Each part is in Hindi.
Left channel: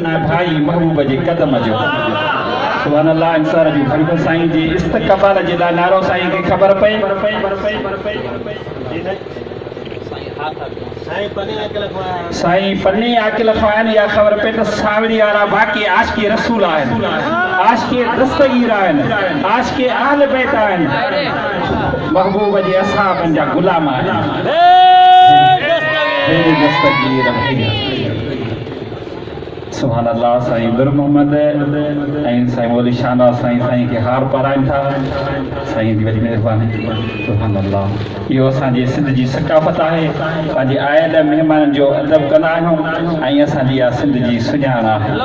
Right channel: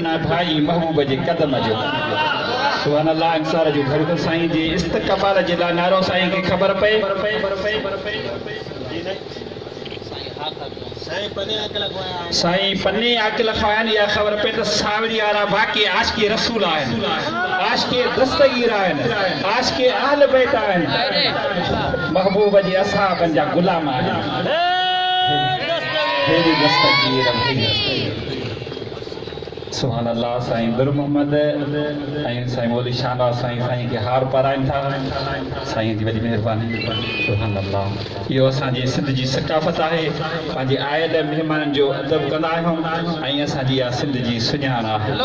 ना भाई महबूब जे कदम जो सुभान अल्लाह अंसार जो भरको साईं जे इस्तक़बाल जे लाइ नारो साईं खे ख़बर पए साईं पन्ने आकिल खाइन या ख़बर पए त सावरी वारा बाक़ी आशिक़े रसूल आहिनि आशिक़े दस्तगीर आहिनि आशिक़े अहल बैत आहिनि महबूब जे असहाबनि जा गुलाम आहिनि हेॾे दस्तगीर सुभान अल्लाह साईं नूर मोहम्मद ऐं साईं मौली शाहनवाज़ साईं खे हार पाराइनि था साईं जी वॾी महिरबानी सुभान अल्लाह इहो असांजे सिंध जी सकाफ़त आहे पंहिंजे आयल महिमाननि जो अदब कंदा आहियूं ऐं असांजी इहा सिंध जी सुञाण आहे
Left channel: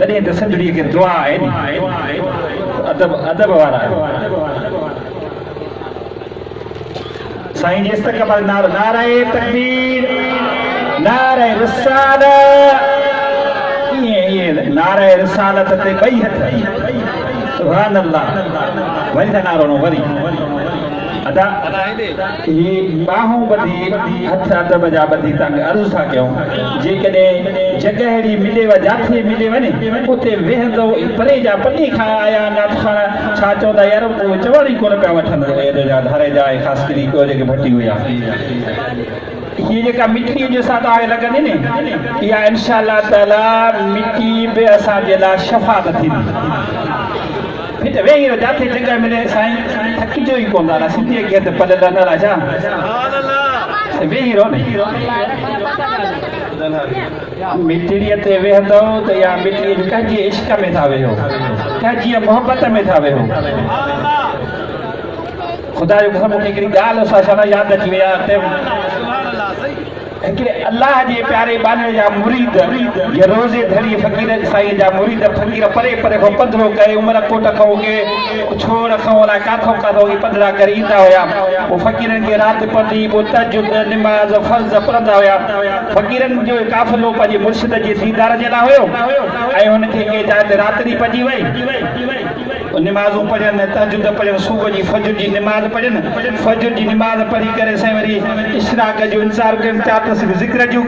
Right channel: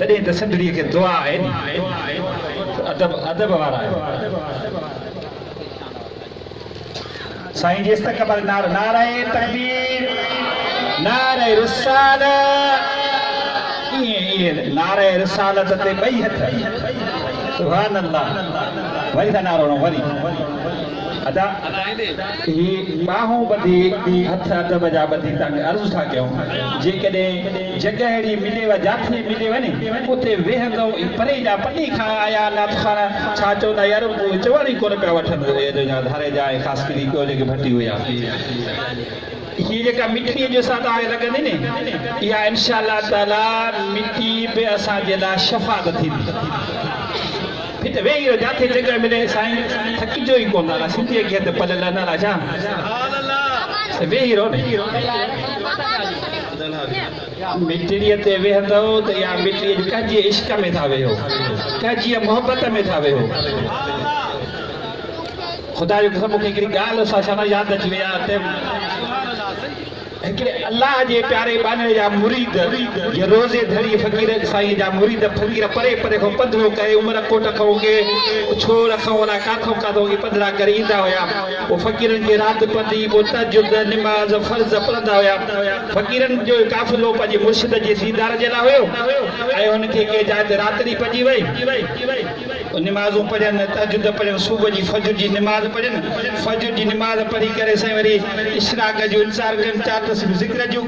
तॾहिं त सिंधड़ीअ खे दुआ आहे नी अदब वारा साईं जी इस्तक़बाल नारे तकबीर नारे रिसालत नारे रिसालत ते ॿई हथ सुभान अल्लाह वरी त नारो न वरी अदा ही बाहूं ॿधी हथ अदब जा ॿधी तव्हांखे अर्ज़ु था कयूं जेकॾहिं जॻह अहिड़ी मिलेव जिथे मिले वञे उते वेहंदो परे जा पनी खां आया नाथखाना छा चवंदा यार उहो चवण ई कोन पिया वठंदो एॾो जा धारे जा ऐं ख़ासि करे ॿियो जेके भटी हुया ये जेका मिट्टी जो साथ आगे लगने ने या इंशाअल्लाह ताला मिट्टी बे असांजे लाइ शफ़ा थी फिर वे ही जाती जगह मिले साईं थकी जो ही कोन दादा सिंधी के ते पल न राजा सुभान अल्लाह वे ही रो मिट्टी ते वेहंदो त या मिट्टी कजी इश्क में था वेहो कजी मोहब्बत में था वेहो खुदा जो कसम मूंखे हिकिड़ी ॻाल्हि असां छा यादि अची वई आहे हिकिड़े अल्लाह जे प्यारे बाने जा मुरीद ये रोज़े धड़ी फ़कीर साईं जा मुरीद फ़कीर परे परे खां पंधरो करे उमर कोट खां के छोड़ खां वला काथों काथों के पंधरा करे ईंदा हुया वो फ़कीरनि खे राति पढ़ी पोइ तहज्जुद निमाज़ फ़र्ज़ पढ़ंदा हुया फ़कीरनि जो काफ़िलो पंहिंजे मुर्शिद जे दीदार जे लाइ हुयो ऐं हुनखे के जाए ते राति पइजी वई निमाज़ूं पढ़नि तहज्जुद पढ़नि सुबुह जी फजर जी निमाज़ पढ़नि फजर जी निमाज़ पढ़ी करे साईं वरी इशराक जो इंतज़ारु कनि ज़िक्र जो